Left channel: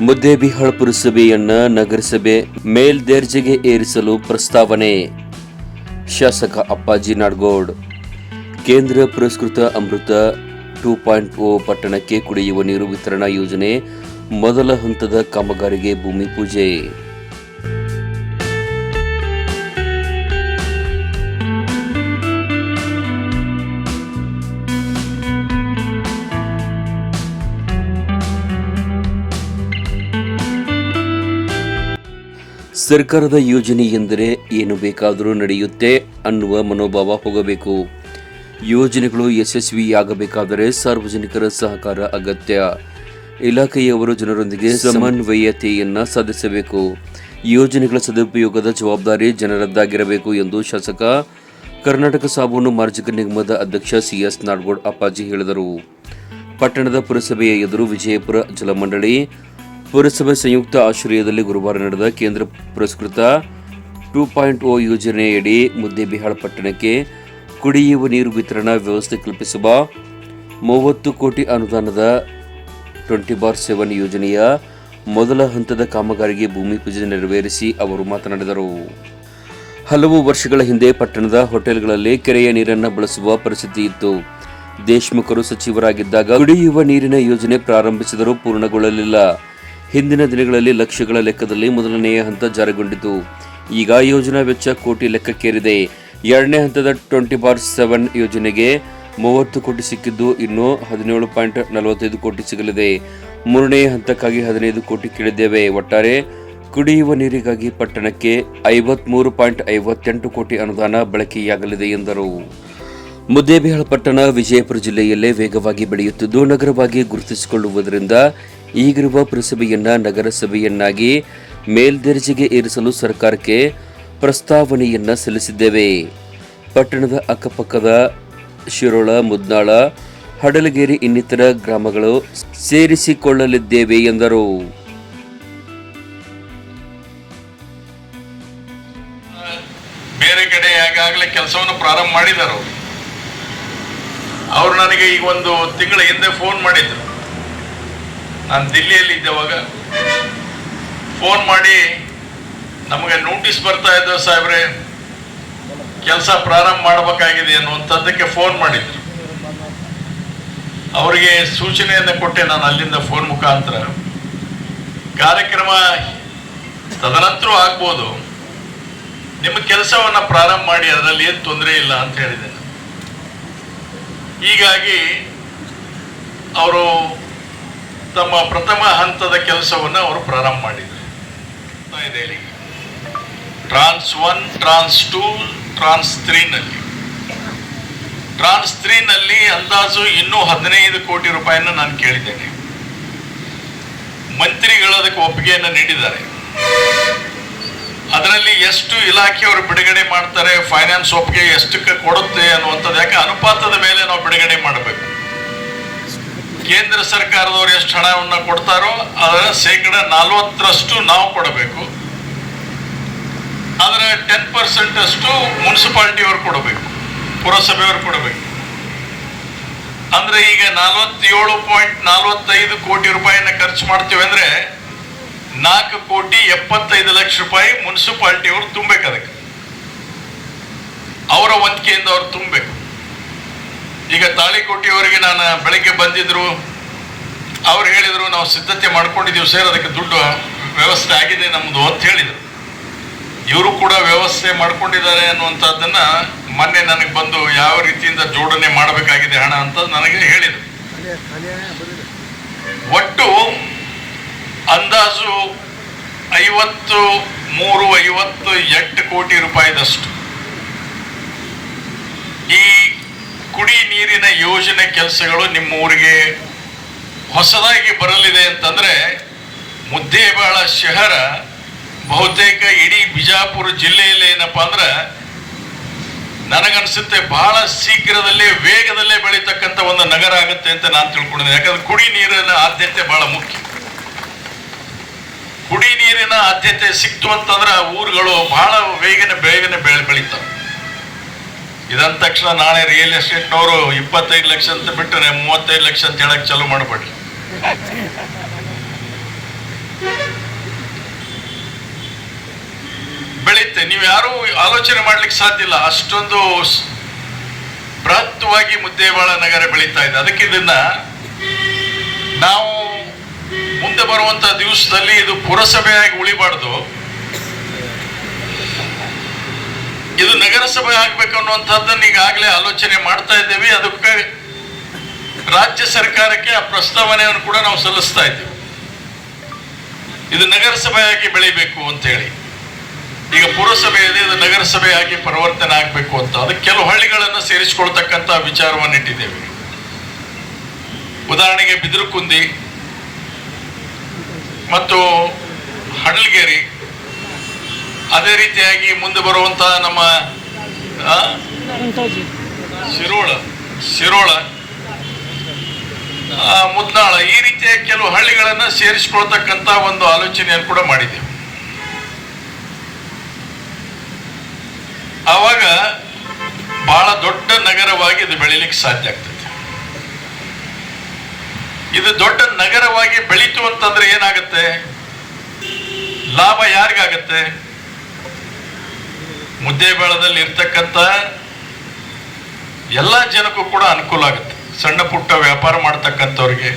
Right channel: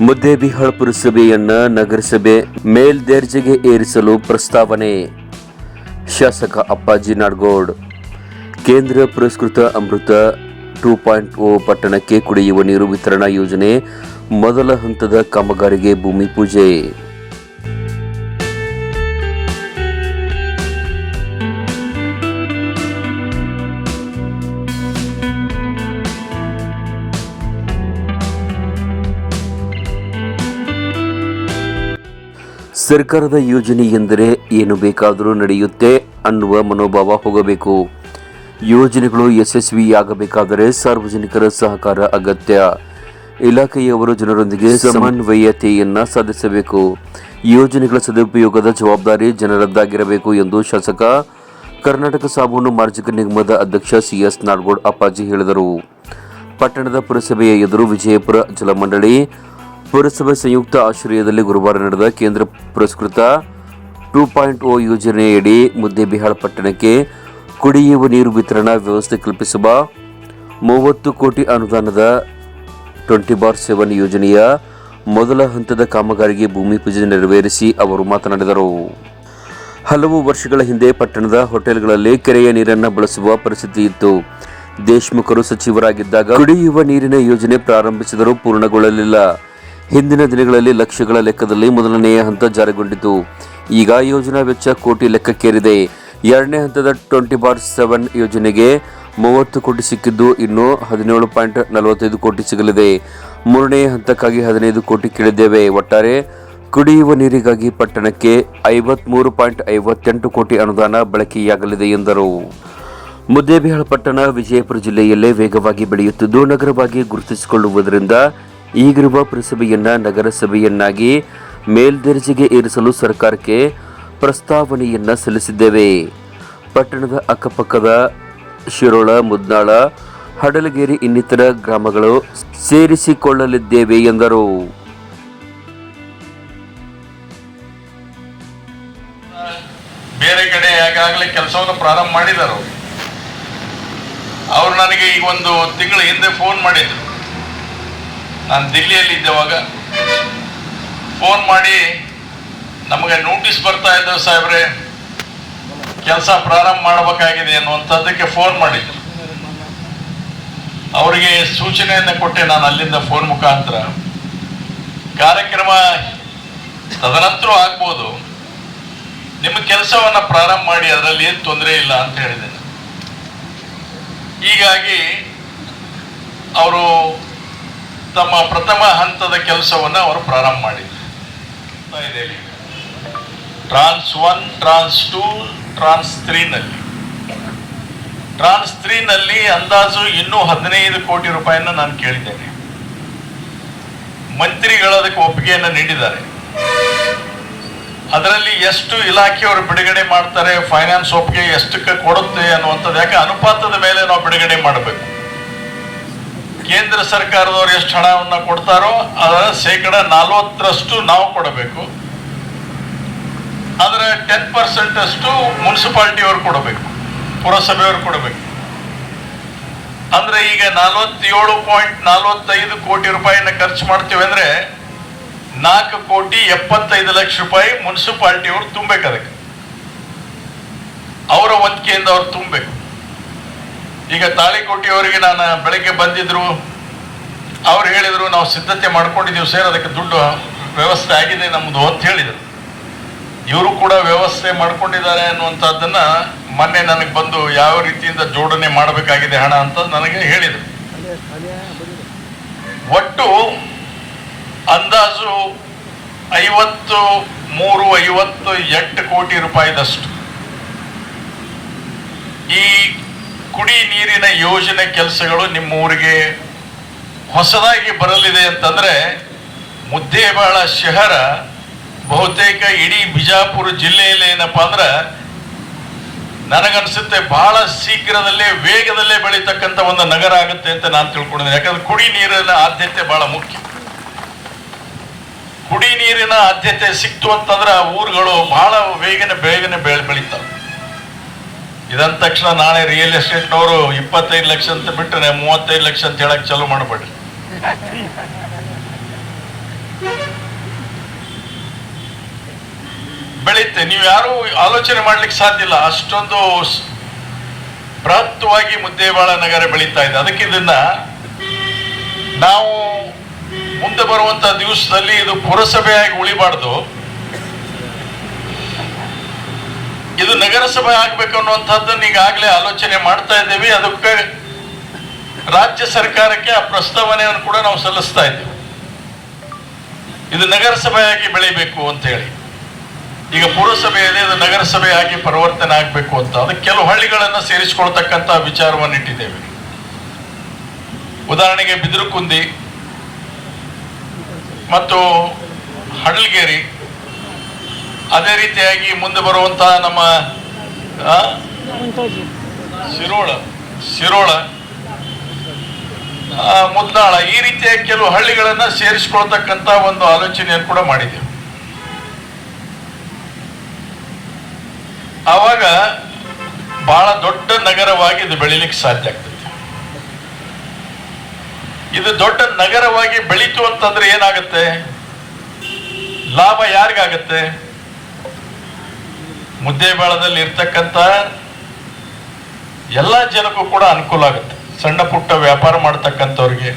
ಮುದ್ದೇಬಿಹಾಳ ಪುರಸಭೆಯನ್ನ ನಗರಸಭೆ ಮೇಲ್ದರ್ಜೆಗೆ ಏರಿಸಲು ಪ್ರಸ್ತಾವನೆ. ಶಾಸಕ ಅಪ್ಪಾಜಿ ನಾಡಗೌಡ್. ಕೇಂದ್ರ ಪುರಸ್ಕೃತ ಅಮೃತ ಟೂ ಪಾಯಿಂಟ್ ಓ ಪಟ್ಟಣಕ್ಕೆ ಕುಡಿಯುವ ನೀರು ವಿತರಣಾ ಯೋಜನೆ ಮೊದಲ ಹಂತದ ಕಾಮಗಾರಿಗೆ ಭೂಮಿ ಪೂಜೆ. ಸರ್ಕಾರದ ಯೋಜನೆ ಎಂದರೆ ಏನು ಬೇಕಾದರೂ ನಡೆಯುತ್ತೆ ಅನ್ನುವ ಮನೋಭಾವ ಹೋಗಬೇಕು. ಯೋಜನೆಗಳು ಯಶಸ್ವಿಯಾಗಬೇಕಾದರೆ ಸಾರ್ವಜನಿಕರ ಸಹಕಾರ ಅಗತ್ಯ. ಇಲಾಖೆಯವರು ಜನರೊಂದಿಗೆ ಸಮನ್ವಯತೆಯನ್ನ ಸಾಧಿಸಬೇಕು. ಯೋಜನೆಗಳ ಸದುಪಯೋಗದ ಜವಾಬ್ದಾರಿ ಜನರದ್ದಾಗಿರಬೇಕು ಎಂದು ಶಾಸಕ ಕರ್ನಾಟಕ ಸಾಬೂನು ಮಾರ್ಜಕ ನಿಗಮದ ಅಧ್ಯಕ್ಷ ಸಿಎಸ್ ನಾಡಗೌಡ್ ಅಪ್ಪಾಜಿ ಹೇಳಿದರು. ಪಟ್ಟಣದ ಪುರಸಭೆಯ ಎದುರು ವಿಜಯಪುರ ಜಲಮಂಡಳಿ ಪುರಸಭೆ ಸಂಯುಕ್ತ ಆಶ್ರಯದಲ್ಲಿ ಗುರುವಾರ ನಡೆದ ಕೇಂದ್ರ ಪುರಸ್ಕೃತ ಟೂ ಪಾಯಿಂಟ್ ಓ ಯೋಜನೆಯಡಿ ಮುದ್ದೇಬಿಹಾಳ ಪಟ್ಟಣಕ್ಕೆ ಕುಡಿಯುವ ನೀರು ವಿತರಣಾ ವ್ಯವಸ್ಥೆ ಕಲ್ಪಿಸುವ ಮೂವತ್ತು ಕೋಟಿ ಅನುದಾನದ ಟ್ವೆಂಟಿ ಬಾರ್ ಸೆವೆನ್ ಯೋಜನೆಯ ಮೊದಲ ಹಂತದ ಕಾಮಗಾರಿಗೆ ಭೂಮಿ ಪೂಜೆ ನೆರವೇರಿಸಿ ಅವರು ಮಾತನಾಡಿದರು. ಹಲವು ವರ್ಷಗಳ ಹಿಂದೆ ಪಟ್ಟಣದ ಹೋಟೆಲ್ಗಳಲ್ಲಿ ಕೆರೆಯ ನೀರನ್ನು ಬಳಸುವ ಪರಿಸ್ಥಿತಿ ಇತ್ತು. ದೇಶ್ಮುಖರು ಸಚಿವರಾಗಿದ್ದಾಗ ಕುಡಿಯುವ ನೀರಿನ ಯೋಜನೆ ಪ್ರಾರಂಭಿಸಿದರೂ ಪೂರ್ಣಗೊಳ್ಳಲಿಲ್ಲ. ಹಿಂದಿನ ದಿನಗಳಲ್ಲಿ ಲಕ್ಷಗಳ ಲೆಕ್ಕದಲ್ಲಿ ಮೊದಲನೆಯ ಹಂತ ಜಾರಿಗೊಂಡಿತು ಈಗ ಯೋಜನಾ ವೆಚ್ಚ ಕೋಟಿ ಲೆಕ್ಕಕ್ಕೇರಿದೆ. ಎರಡನೇ ಹಂತದ ಟ್ವೆಂಟಿ ಬಾರ್ ಸೆವೆನ್ ಯೋಜನೆಗೆ ಮೂವತ್ತು ಕೋಟಿ ಸಿಕ್ಕಿದ್ದು, ಇನ್ನು ಹದಿನೇಳು ಪಾಯಿಂಟ್ ನಲವತ್ತೈದು ಕೋಟಿ ಸಿಗಲಿದೆ. ಮೂರನೇ ಹಂತಕ್ಕಾಗಿ ಹದಿನೈದು ಕೋಟಿ ಕೇಳಿದ್ದೇವೆ. ಒಟ್ಟಾರೆ, ಕುಡಿಯುವ ನೀರಿಗಾಗಿ ಪಟ್ಟಣಕ್ಕೆ ಐವತ್ಮೂರು ಪಾಯಿಂಟ್ ಐವತ್ತೆಂಟು ಕೋಟಿ ಅನುದಾನ ಬಳಕೆಯಾಗಲಿದೆ ಎಂದರು. ಮುದ್ದೇಬಿಹಾಳ ಪಟ್ಟಣ ವಿಜಯಪುರ ಜಿಲ್ಲೆಯಲ್ಲೇ ವೇಗವಾಗಿ ಬೆಳೆಯುತ್ತಿದ್ದು, ನಗರವಾಗಿ ಗುರುತಿಸಿಕೊಳ್ಳುವುದರಿಂದ ಈಗಿರುವ ಪುರಸಭೆಯನ್ನ ನಗರಸಭೆಯನ್ನಾಗಿ ಮೇಲ್ದರ್ಜೆಗೆ ಏರಿಸಲು ಸರ್ಕಾರಕ್ಕೆ ಪ್ರಸ್ತಾವನೆಯನ್ನ ಸಲ್ಲಿಸಿದ್ದೇವೆ. ಪಟ್ಟಣದ ಅಕ್ಕಪಕ್ಕದ ಶಿರೋಳ, ಮುದ್ನಾಳ, ಹಡಲಗೇರಿ ಇನ್ನಿತರ ಗ್ರಾಮಗಳು ಸೇರಿಸಿಕೊಳ್ಳಲಿದ್ದೇವೆ ಎಂದರು. ಬೇರೆ ಕಡೆ ಕೆಲಸವನ್ನು ಪ್ರಾರಂಭ ಮಾಡಿದರು. ಅವರು ನನಗೆ ಈಗ ಒಂದು ತಿಂಗಳ ಹಿಂದೆ ಫೋನ್ ಮಾಡಿದ್ರು. ನಾನು ದಿಲ್ಲಿಯಲ್ಲಿ ಇದ್ದವಾಗ ಫೋನ್ ಮಾಡಿ ನಮಗೆ ನೋಟಿಸ್ ಬರ್ತಾ ಇದ್ದೇವೆ ಸಾಹೇಬ್ರೆ, ಕೆಲಸ ಪ್ರಾರಂಭ ಮಾಡಬೇಕಾಗಿದೆ ಅನ್ನುವಂಥದ್ದಕ್ಕೆ ಫೋನ್ ಮಾಡಿದ್ರು. ಅವರಿಗೆ ಸೂಚನೆಯನ್ನು ಕೊಟ್ಟೆ ನಾನು ಅಲ್ಲಿಂದ ಫೋನ್ ಮುಖಾಂತರ. ಕಾರ್ಯಕ್ರಮ ತದನಂತರ ಆಗ್ಬೋದು. ನಿಮ್ಮ ಕೆಲಸವನ್ನು ಪ್ರಾರಂಭ ಮಾಡಿ, ಅದರಲ್ಲಿ ಏನು ತೊಂದರೆ ಇಲ್ಲ ಅಂತ ಹೇಳಿದೆ. ಹೀಗಾಗಿ, ಅವರು ತಮ್ಮ ಪ್ರಥಮ ಹಂತದ ಕೆಲಸವನ್ನ ಅವರು ಪ್ರಾರಂಭ ಮಾಡಿದ್ರು. Trans one, trans two, trans ತ್ರೀನಲ್ಲಿ. Trans ತ್ರೀನಲ್ಲಿ ಅಂದಾಜು ಇನ್ನೂ ಹದಿನೈದು ಕೋಟಿ ರೂಪಾಯಿಯನ್ನು ನಾನು ಕೇಳಿದ್ದೇನೆ. ಮಂತ್ರಿಗಳು ಅದಕ್ಕೆ ಒಪ್ಪಿಗೆಯನ್ನು ನೀಡಿದ್ದಾರೆ. ಅದರಲ್ಲಿ ಎಷ್ಟು ಇಲಾಖೆಯವರು ಬಿಡುಗಡೆ ಮಾಡ್ತಾರೆ, ಫೈನಾನ್ಸ್ ಒಪ್ಪಿಗೆ ಎಷ್ಟಕ್ಕೆ ಕೊಡುತ್ತೆ ಅನ್ನುವಂಥದ್ದು, ಯಾಕೆ ಅನುಪಾತದ ಮೇಲೆ ನಾವು ಬಿಡುಗಡೆ ಮಾಡಬೇಕು? ಕೇಂದ್ರ ಸರ್ಕಾರದವರು ಎಷ್ಟು ಹಣವನ್ನು ಕೊಡ್ತಾರೋ ಅದರ ಶೇಕಡ ನಲವತ್ತರಷ್ಟು ನಾವು ಕೊಡಬೇಕು. ಅದರ ಟೆನ್ ಪರ್ಸೆಂಟ್ ಅಷ್ಟು ಮುನ್ಸಿಪಾಲ್ಟಿಯವರು ಕೊಡಬೇಕು, ಪುರಸಭೆಯವರು ಕೊಡಬೇಕು. ಅಂದ್ರೆ ಈಗ ನಲವತ್ತೇಳು ಪಾಯಿಂಟ್ ನಲವತ್ತೈದು ಕೋಟಿ ರೂಪಾಯಿನ ಖರ್ಚು ಮಾಡ್ತೀವಿ ಅಂದ್ರೆ ನಾಲ್ಕು ಕೋಟಿ ಎಪ್ಪತ್ತೈದು ಲಕ್ಷ ರೂಪಾಯಿ ಮುನ್ಸಿಪಾಲ್ಟಿಯವರು ತುಂಬಬೇಕು ಅದಕ್ಕೆ ಅವರ ವಂತಿಕೆಯಿಂದ ಅವ್ರು ತುಂಬಬೇಕು ಈಗ ತಾಳಿಕೋಟಿಯವರಿಗೆ ನಾನು ಬೆಳಗ್ಗೆ ಬಂದಿದ್ರು ಅವ್ರು ಹೇಳಿದರು ನಾವು ಸಿದ್ಧತೆ ಮಾಡ್ಕೊಂಡಿದ್ದೀವಿ ಸರ್ ಅದಕ್ಕೆ ದುಡ್ಡು ವ್ಯವಸ್ಥೆ ಆಗಿದೆ ನಮ್ಮದು ಅಂತ ಹೇಳಿದರು. ಇವರು ಕೂಡ ವ್ಯವಸ್ಥೆ ಮಾಡ್ಕೊಂಡಿದ್ದಾರೆ ಅನ್ನುವಂಥದ್ದನ್ನು ಮೊನ್ನೆ ನನಗೆ ಬಂದು ಯಾವ ರೀತಿಯಿಂದ ಜೋಡಣೆ ಮಾಡಬೇಕಾಗಿದೆ ಹಣ ಅಂತ ನನಗೆ ಹೇಳಿದರು. ಒಟ್ಟು ಅಂದಾಜು ಐವತ್ತು ಮೂರು ಐವತ್ತು ಎಂಟು ಕೋಟಿ ರೂಪಾಯಿದಷ್ಟು ಈ ಕುಡಿ ನೀರಿನ ಯೋಜನೆ ಕೆಲಸಗಳು ನಿಮ್ಮ ಊರಿಗೆ ಹೊಸದಾಗಿ ಬರಲಿದೆ ಅಂತಂದ್ರೆ ಮುದ್ದೇಬಾಳ ಶಹರ, ಬಹುತೇಕ ಇಡೀ ಬಿಜಾಪುರ ಜಿಲ್ಲೆಯಲ್ಲಿ ಏನಪ್ಪ ಅಂದ್ರೆ ನನಗನ್ಸುತ್ತೆ ಬಹಳ ಶೀಘ್ರದಲ್ಲೇ ವೇಗದಲ್ಲೇ ಬೆಳೀತಕ್ಕಂಥ ಒಂದು ನಗರ ಆಗುತ್ತೆ ಅಂತ ನಾನು ತಿಳ್ಕೊಂಡಿದ್ದೀನಿ. ಯಾಕಂದ್ರೆ ಕುಡಿ ನೀರಿನ ಆದ್ಯತೆ ಬಹಳ ಮುಖ್ಯ. ಕುಡಿ ನೀರಿನ ಆದ್ಯತೆ ಸಿಕ್ತು ಅಂತಂದ್ರೆ ಆ ಊರುಗಳು ಬಹಳ ವೇಗನ ಬೇಗನೆ ಬೆಳೆ ಬೆಳೀತವೆ. ಇದಂದ ತಕ್ಷಣ ನಾಳೆ ರಿಯಲ್ ಎಸ್ಟೇಟ್ನವರು ಇಪ್ಪತ್ತೈದು ಲಕ್ಷ ಅಂತ ಬಿಟ್ಟರೆ ಮೂವತ್ತೈದು ಲಕ್ಷ ಅಂತ ಹೇಳಕ್ ಚಾಲು ಮಾಡಬೇಡ್ರಿ. ಬೆಳೆಯುತ್ತೆ ನೀವು ಯಾರು ಆಲೋಚನೆ ಮಾಡ್ಲಿಕ್ಕೆ ಸಾಧ್ಯ ಇಲ್ಲ. ಅಷ್ಟೊಂದು ಬೃಹತ್ವಾಗಿ ಮುದ್ದೇವಾಳ ನಗರ ಬೆಳೀತಾ ಇದೆ. ಅದಕ್ಕೆ ಇದನ್ನ ನಾವು ಮುಂದೆ ಬರುವಂತ ದಿವಸದಲ್ಲಿ ಇದು ಪುರಸಭೆಯಾಗಿ ಉಳಿಬಾರ್ದು. ಇದು ನಗರಸಭೆ ಆಗ್ಬೇಕು ಅನ್ನುವಂಥದ್ದನ್ನ ಈಗಾಗಲೇ ಆಲೋಚನೆ ಮಾಡ್ತಾ ಇದ್ದೇವೆ. ಅದಕ್ಕೆ ರಾಜ್ಯ ಸರ್ಕಾರಕ್ಕೆ ಆ ಪ್ರಸ್ತಾವನೆಯನ್ನು ಕೂಡ ನಾವು ಸಲ್ಲಿಸ್ತಾ ಇದ್ದೇವೆ. ಇದು ನಗರಸಭೆಯಾಗಿ ಬೆಳಿಬೇಕು ಅಂತ ಹೇಳಿ. ಈಗ ಪುರಸಭೆ ಇದೆ ಇದು ನಗರಸಭೆಯಾಗಿ ಪರಿವರ್ತನೆ ಆಗಬೇಕು ಅಂತ. ಅದಕ್ಕೆ ಕೆಲವು ಹಳ್ಳಿಗಳನ್ನು ಸೇರಿಸಿಕೊಳ್ತಕ್ಕಂಥ ವಿಚಾರವನ್ನು ಇಟ್ಟಿದ್ದೇವೆ. ಉದಾಹರಣೆಗೆ ಬಿದಿರುಕುಂದಿ ಮತ್ತು ಹಡಲ್ಗೇರಿ ಅದೇ ರೀತಿಯಾಗಿ ಮುಂದೆ ಬರುವಂತಹ ನಮ್ಮ ಶಿರೋಳ ಶಿರೋಳ ಮುದ್ನಾಳ ಈ ರೀತಿಯ ಕೆಲವು ಹಳ್ಳಿಗಳನ್ನು ಸೇರಿಸಿಕೊಳ್ತಕ್ಕಂತ ಒಂದು ಆಲೋಚನೆಯನ್ನು ಕೂಡ ಮಾಡಿದೆ. ಆವಾಗ ಬಹಳ ದೊಡ್ಡ ನಗರವಾಗಿ ಇದು ಬೆಳಿಲಿಕ್ಕೆ ಸಾಧ್ಯ ಆಗ್ತದೆ. ಇದು ದೊಡ್ಡ ನಗರವಾಗಿ ಬೆಳೀತು ಅಂತಂದ್ರೆ ಏನಾಗುತ್ತೆ? ಲಾಭ ಯಾರಿಗಾಗತ್ತೆ? ಮುದ್ದೇಬಾಳದಲ್ಲಿ ಇರ್ತಕ್ಕಂಥ ಎಲ್ಲ ಜನಕ್ಕೂ ಕೂಡ ಅನುಕೂಲ ಆಗುತ್ತೆ. ಸಣ್ಣ ಪುಟ್ಟ ವ್ಯಾಪಾರ ಮಾಡ್ತಕ್ಕಂಥವ್ರಿಗೆ,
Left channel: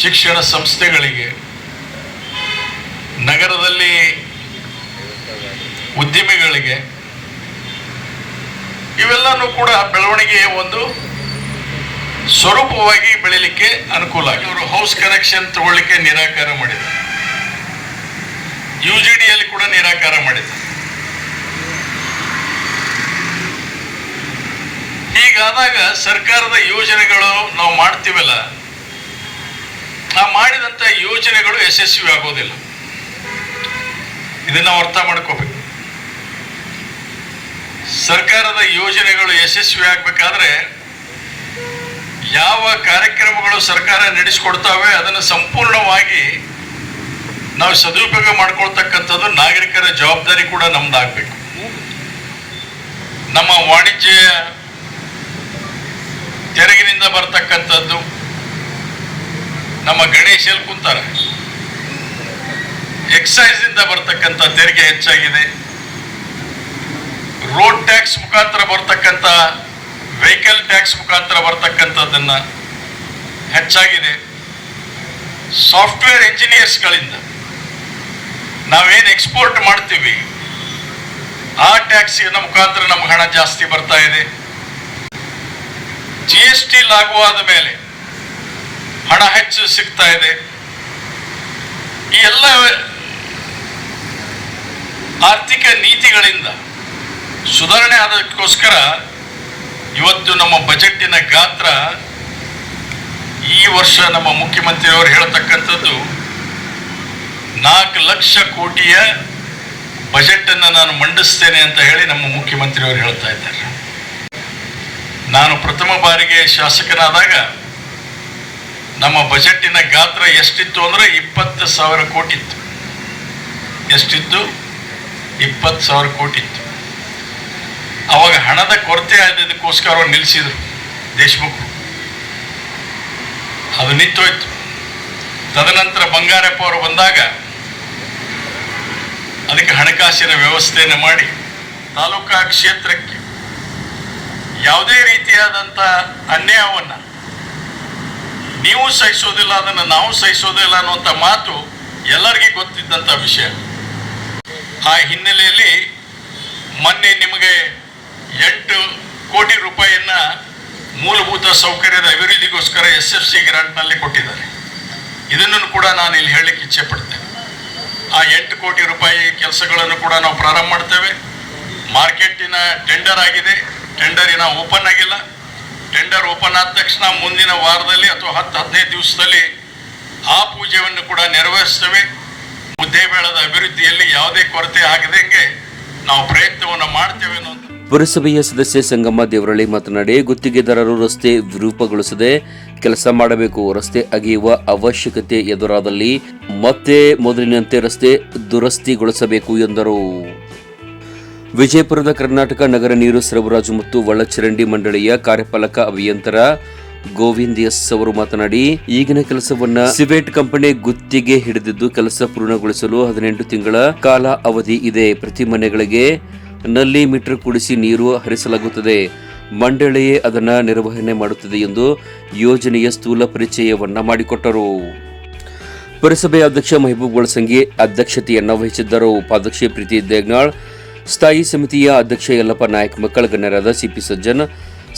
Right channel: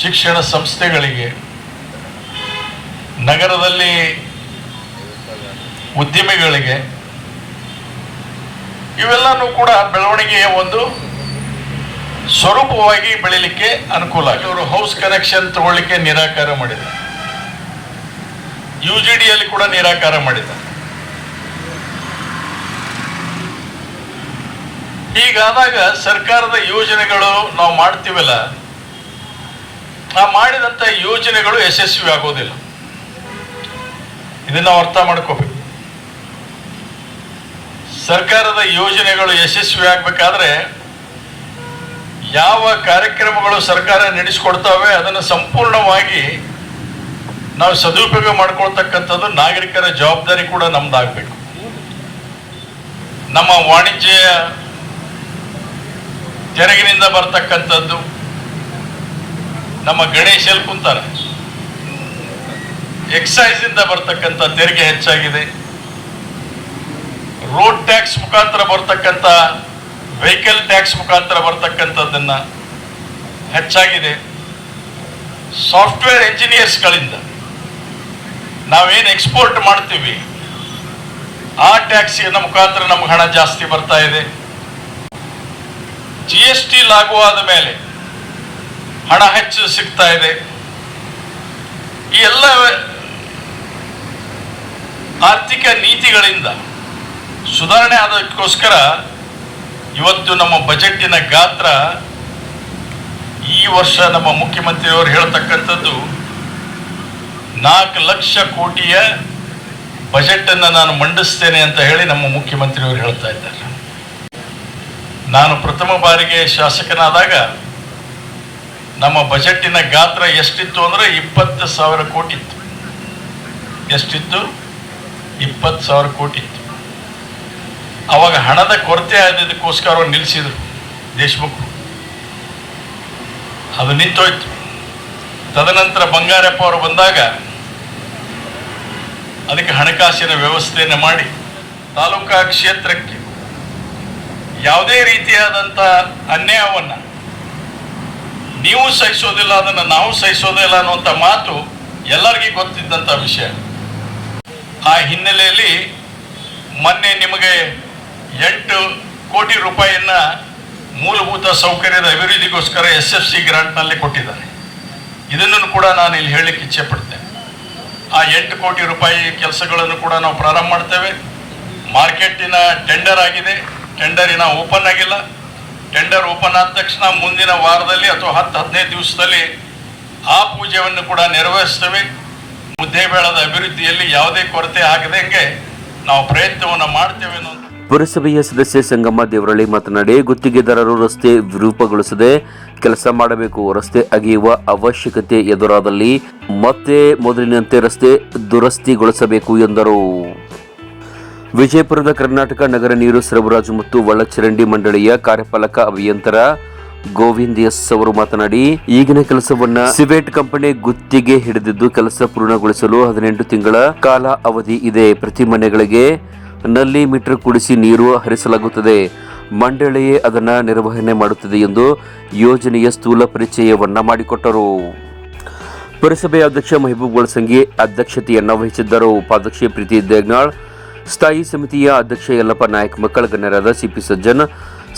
ಶಿಕ್ಷಣ ಸಂಸ್ಥೆಗಳಿಗೆ, ನಗರದಲ್ಲಿ ಉದ್ಯಮಿಗಳಿಗೆ ಇವೆಲ್ಲನೂ ಕೂಡ ಬೆಳವಣಿಗೆಯ ಒಂದು ಸ್ವರೂಪವಾಗಿ ಬೆಳಿಲಿಕ್ಕೆ ಅನುಕೂಲ ಆಗಿದೆ ಅವರು ಹೌಸ್ ಕನೆಕ್ಷನ್ ತಗೊಳ್ಳಿಕ್ಕೆ ನಿರಾಕಾರ ಮಾಡಿದ್ದಾರೆ. ಯು ಜಿ ಡಿಯಲ್ಲಿ ಕೂಡ ನಿರಾಕಾರ ಮಾಡಿದ. ಹೀಗಾದಾಗ ಸರ್ಕಾರದ ಯೋಜನೆಗಳು ನಾವು ಮಾಡ್ತೀವಲ್ಲ, ಆ ಮಾಡಿದಂತ ಯೋಜನೆಗಳು ಯಶಸ್ವಿ ಆಗೋದಿಲ್ಲ. ಇದನ್ನ ನಾವು ಅರ್ಥ ಮಾಡ್ಕೋಬೇಕು. ಸರ್ಕಾರದ ಯೋಜನೆಗಳು ಯಶಸ್ವಿ ಆಗ್ಬೇಕಾದ್ರೆ ಯಾವ ಕಾರ್ಯಕ್ರಮಗಳು ಸರ್ಕಾರ ನಡೆಸಿಕೊಡ್ತಾವೆ ಅದನ್ನು ಸಂಪೂರ್ಣವಾಗಿ ನಾವು ಸದುಪಯೋಗ ಮಾಡ್ಕೊಳ್ತಕ್ಕಂಥದ್ದು ನಾಗರಿಕರ ಜವಾಬ್ದಾರಿ ಕೂಡ ನಮ್ದಾಗಬೇಕು. ನಮ್ಮ ವಾಣಿಜ್ಯ ತೆರಗಿನಿಂದ ಬರ್ತಕ್ಕಂಥದ್ದು ನಮ್ಮ ಗಣೇಶಲ್ಲಿ ಕುಂತಾರೆ? ಎಕ್ಸೈಸ್ ಇಂದ ಬರ್ತಕ್ಕಂಥ ತೆರಿಗೆ ಹೆಚ್ಚಾಗಿದೆ. ರೋಡ್ ಟ್ಯಾಕ್ಸ್ ಮುಖಾಂತರ ಬರ್ತಕ್ಕಂಥ ವೆಹಿಕಲ್ ಟ್ಯಾಕ್ಸ್ ಮುಖಾಂತರ ಬರ್ತಕ್ಕಂಥದ್ದನ್ನು ಹೆಚ್ಚಾಗಿದೆ. ಸಾಫ್ಟ್ವೇರ್ ಇಂಜಿನಿಯರ್ಸ್ಗಳಿಂದ ನಾವೇನು ಎಕ್ಸ್ಪೋರ್ಟ್ ಮಾಡ್ತೀವಿ, ಆ ಟ್ಯಾಕ್ಸಿನ ಮುಖಾಂತರ ನಮ್ಗೆ ಹಣ ಜಾಸ್ತಿ ಬರ್ತಾ ಇದೆ. ಜಿ ಎಸ್ ಟಿ ಲಾಗು ಆದ ಮೇಲೆ ಹಣ ಹೆಚ್ಚು ಸಿಗ್ತಾ ಇದೆ. ಈ ಎಲ್ಲ ಆರ್ಥಿಕ ನೀತಿಗಳಿಂದ ಸುಧಾರಣೆ ಆದಕ್ಕೋಸ್ಕರ ಇವತ್ತು ನಮ್ಮ ಬಜೆಟ್ಟಿನ ಗಾತ್ರ ಈ ವರ್ಷ ನಮ್ಮ ಮುಖ್ಯಮಂತ್ರಿಯವರು ಹೇಳ್ತಕ್ಕಂಥದ್ದು ನಾಲ್ಕು ಲಕ್ಷ ಕೋಟಿಯ ಬಜೆಟ್ ಅನ್ನು ನಾನು ಮಂಡಿಸ್ತೇನೆ ಅಂತ ಹೇಳಿ ನಮ್ಮ ಮುಖ್ಯಮಂತ್ರಿಯವರು ಹೇಳ್ತಾ ಇದ್ದಾರೆ. ನಾನು ಪ್ರಥಮ ಬಾರಿಗೆ ಶಾಸಕನಾದಾಗ ನಮ್ಮ ಬಜೆಟ್ಟಿನ ಗಾತ್ರ ಎಷ್ಟಿತ್ತು ಅಂದ್ರೆ ಇಪ್ಪತ್ತು ಸಾವಿರ ಕೋಟಿ ಇತ್ತು ಎಷ್ಟಿತ್ತು? ಇಪ್ಪತ್ತು ಸಾವಿರ ಕೋಟಿ ಇತ್ತು ಅವಾಗ ಹಣದ ಕೊರತೆ ಆದದಕ್ಕೋಸ್ಕರ ಅವ್ರು ನಿಲ್ಲಿಸಿದ್ರು ದೇಶಮುಖ್. ಅದು ನಿಂತೋಯ್ತು. ತದನಂತರ ಬಂಗಾರಪ್ಪ ಅವರು ಬಂದಾಗ ಅದಕ್ಕೆ ಹಣಕಾಸಿನ ವ್ಯವಸ್ಥೆಯನ್ನು ಮಾಡಿ ತಾಲೂಕಾ ಕ್ಷೇತ್ರಕ್ಕೆ ಯಾವುದೇ ರೀತಿಯಾದಂಥ ಅನ್ಯಾಯವನ್ನು ನೀವು ಸಹಿಸೋದಿಲ್ಲ, ಅದನ್ನು ನಾವು ಸಹಿಸೋದಿಲ್ಲ ಅನ್ನುವಂಥ ಮಾತು ಎಲ್ಲರಿಗೂ ಗೊತ್ತಿದ್ದಂಥ ವಿಷಯ. ಆ ಹಿನ್ನೆಲೆಯಲ್ಲಿ ಮೊನ್ನೆ ನಿಮಗೆ ಎಂಟು ಕೋಟಿ ರೂಪಾಯಿಯನ್ನ ಮೂಲಭೂತ ಸೌಕರ್ಯದ ಅಭಿವೃದ್ಧಿಗೋಸ್ಕರ ಎಸ್ ಎಫ್ ಸಿ ಗ್ರಾಂಟ್ನಲ್ಲಿ ಕೊಟ್ಟಿದ್ದಾರೆ. ಇದನ್ನು ಕೂಡ ನಾನು ಇಲ್ಲಿ ಹೇಳಲಿಕ್ಕೆ ಇಚ್ಛೆ ಆ ಎಂಟು ಕೋಟಿ ರೂಪಾಯಿ ಕೆಲಸಗಳನ್ನು ಕೂಡ ನಾವು ಪ್ರಾರಂಭ ಮಾಡ್ತೇವೆ. ಮಾರ್ಕೆಟಿನ ಟೆಂಡರ್ ಆಗಿದೆ. ಟೆಂಡರಿನ ಓಪನ್ ಆಗಿಲ್ಲ. ಟೆಂಡರ್ ಓಪನ್ ಆದ ತಕ್ಷಣ ಮುಂದಿನ ವಾರದಲ್ಲಿ ಅಥವಾ ಹತ್ತು, ಹದಿನೈದು ದಿವಸದಲ್ಲಿ ಆ ಪೂಜೆಯನ್ನು ಕೂಡ ನೆರವೇರಿಸ್ತೇವೆ. ಮುದ್ದೇಬೇಳದ ಅಭಿವೃದ್ಧಿಯಲ್ಲಿ ಯಾವುದೇ ಕೊರತೆ ಆಗದಂಗೆ ನಾವು ಪ್ರಯತ್ನವನ್ನು ಮಾಡ್ತೇವೆ ಅನ್ನೋ ಪುರಸಭೆಯ ಸದಸ್ಯ ಸಂಗಮ್ಮ ದೇವರಳ್ಳಿ ಮಾತನಾಡಿ, ಗುತ್ತಿಗೆದಾರರು ರಸ್ತೆ ವಿರೂಪಗೊಳಿಸದೆ ಕೆಲಸ ಮಾಡಬೇಕು. ರಸ್ತೆ ಅಗೆಯುವ ಅವಶ್ಯಕತೆ ಎದುರಾದಲ್ಲಿ ಮತ್ತೆ ಮೊದಲಿನಂತೆ ರಸ್ತೆ ದುರಸ್ತಿಗೊಳಿಸಬೇಕು ಎಂದರು. ವಿಜಯಪುರದ ಕರ್ನಾಟಕ ನಗರ ನೀರು ಸರಬರಾಜು ಮತ್ತು ಒಳಚರಂಡಿ ಮಂಡಳಿಯ ಕಾರ್ಯಪಾಲಕ ಅಭಿಯಂತರ ಗೋವಿಂದ್ ಎಸ್ ಅವರು ಮಾತನಾಡಿ, ಈಗಿನ ಕೆಲಸವನ್ನ ಸಿವೆಟ್ ಕಂಪನಿ ಗುತ್ತಿಗೆ ಹಿಡಿದಿದ್ದು ಕೆಲಸ ಪೂರ್ಣಗೊಳಿಸಲು ಹದಿನೆಂಟು ತಿಂಗಳ ಕಾಲ ಅವಧಿ ಇದೆ. ಪ್ರತಿ ಮನೆಗಳಿಗೆ ನಲ್ಲಿ ಮೀಟರ್ ಕುಡಿಸಿ ನೀರು ಹರಿಸಲಾಗುತ್ತದೆ. ಮಂಡಳಿಯೇ ಅದನ್ನು ನಿರ್ವಹಣೆ ಮಾಡುತ್ತದೆ ಎಂದು ಯೋಜನೆಯ ಸ್ಥೂಲ ಪರಿಚಯವನ್ನು ಮಾಡಿಕೊಟ್ಟರು. ಪುರಸಭೆ ಅಧ್ಯಕ್ಷ ಮೆಹಬೂಬ್ ಗೋಳಸಂಗಿ ಅಧ್ಯಕ್ಷತೆಯನ್ನು ವಹಿಸಿದ್ದರು. ಉಪಾಧ್ಯಕ್ಷ ಪ್ರೀತಿ ದೇಗ್ನಾಳ್, ಸ್ಥಾಯಿ ಸಮಿತಿಯ ಅಧ್ಯಕ್ಷ ಯಲ್ಲಪ್ಪ ನಾಯಕ್, ಮಕ್ಕಳ ಗಣ್ಯರಾದ ಸಿಪಿ ಸಜ್ಜನ್,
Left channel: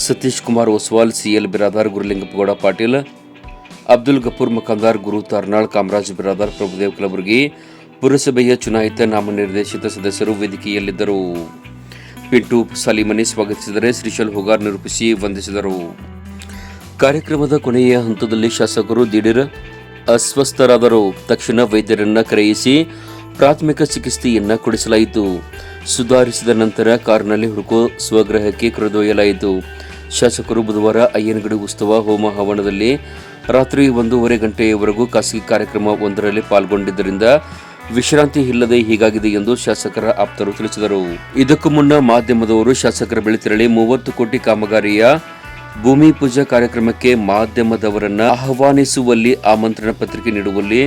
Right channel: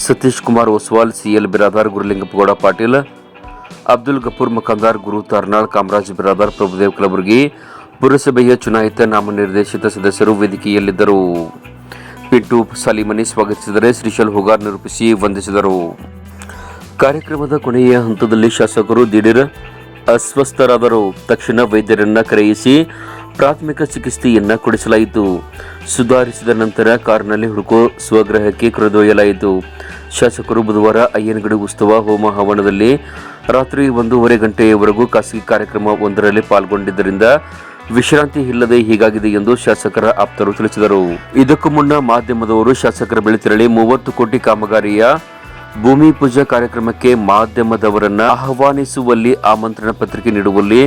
ಸತೀಶ್ ಕುಮಾರ್ ಒಸ್ವಾಲ್, ಸಿಎಲ್ ಬಿರಾದಾರ್, ಗುರುಲಿಂಗಪ್ಪಗೌಡ ಪಾಟೀಲ್, ಅಬ್ದುಲ್ ಗಫೂರ್ ಮಖಂದಾರ್ ಗುರು ತಾರ್ನಾಳ್, ಕಾಮರಾಜ್ ಬಿರಾದಾರ್, ಪ್ರಭುದೇವ್ ಕಲಬುರ್ಗಿ ಪುರಸಭೆಯ ಚುನಾಯಿತ ನಾಮನಿರ್ದೇಶಿತ ಸದಸ್ಯರು ವೇದಿಕೆಯಲ್ಲಿದ್ದರು. ಪಿಂಟು ಸಾಲಿಮನಿ ಸ್ವಾಗತಿಸಿದರೆ ಶ್ರೀಶಲ್ ಹುಗಾರ್ ನಿರೂಪಿಸಿ ವಂದಿಸಿದರು. ಕಾರ್ಯಕ್ರಮದ ಕೊನೆಯ ಹಂತದಲ್ಲಿ ಶಾಸಕರು ದಿಢೀರ್ ಅಸ್ವಸ್ಥರಾದರು. ತಕ್ಷಣ ವೈದ್ಯರನ್ನ ಕರೆಯಿಸಿ ಪ್ರಾಥಮಿಕ ಚಿಕಿತ್ಸೆಯನ್ನ ಕೊಡಿಸಲಾಯಿತು. ಸುಧಾರಿಸಿದ ನಂತರ ಕಾರಿನಲ್ಲಿ ಹುಡುಕೋ ಸ್ವಗ್ರಹಕ್ಕೆ ಕರೆದೊಯ್ಯಲಾಯಿತು. ಶಾಸಕರು ಬುಧವಾರ ಅಯ್ಯನಗಡಿ ಉತ್ಸವ ಹೋಮ ಹವನದಲ್ಲಿ ರಾತ್ರಿ ಒಂದೂವರೆ ಗಂಟೆಯವರೆಗೂ ಖಾಸಗಿ ಕಾರ್ಯಕ್ರಮ ಒಂದರಲ್ಲಿ ಪಾಲ್ಗೊಂಡಿದ್ದರಿಂದ ವಿಶ್ರಾಂತಿ ಇಲ್ಲದೆ ಹೀಗಾಗಿದೆ ಎಂದು ಶಾಸಕರ ಆಪ್ತರು ತಿಳಿಸಿದರು. ಇದಕ್ಕೂ ಮುನ್ನ ಮಾಧ್ಯಮದವರು ಶಾಸಕರ ಬಳಿ ತೆರಳಿ ಮೂವತ್ತು ಕೋಟಿ ಕಾಮಗಾರಿಯ ಭೂಮಿ ಪೂಜಾ ಕಾರ್ಯಕ್ರಮಕ್ಕೆ ಮಾಧ್ಯಮದವರನ್ನ ಆಹ್ವಾನಿಸುವಲ್ಲಿ ಆಮಂತ್ರಣ ಪತ್ರಿಕೆ ನೀಡುವಲ್ಲಿ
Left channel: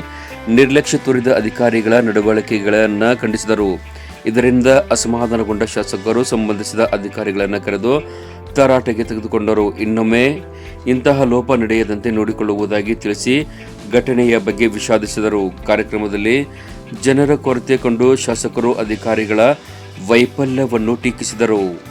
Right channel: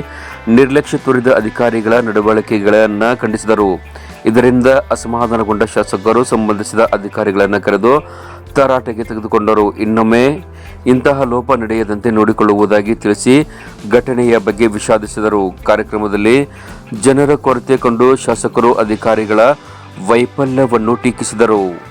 ನಿರ್ಲಕ್ಷ್ಯ ತೋರಿದ ಅಧಿಕಾರಿಗಳ ನಡವಳಿಕೆಗಳನ್ನು ಖಂಡಿಸಿದರು. ಇದರಿಂದ ಅಸಮಾಧಾನಗೊಂಡ ಶಾಸಕರು ಸಂಬಂಧಿಸಿದ ಅಧಿಕಾರಿಗಳನ್ನು ಕರೆದು ತರಾಟೆಗೆ ತೆಗೆದುಕೊಂಡರು. ಇನ್ನೊಮ್ಮೆ ಇಂತಹ ಲೋಪ ನಡೆಯದಂತೆ ನೋಡಿಕೊಳ್ಳುವುದಾಗಿ ತಿಳಿಸಿ ಘಟನೆಯ ಬಗ್ಗೆ ವಿಷಾದಿಸಿದರು. ಕಾರ್ಯಕ್ರಮದಲ್ಲಿ ಜನರ ಕೊರತೆ ಕಂಡು ಶಾಸಕರು, ಅಧಿಕಾರಿಗಳ ವೈಫಲ್ಯವನ್ನು ಟೀಕಿಸಿದರು.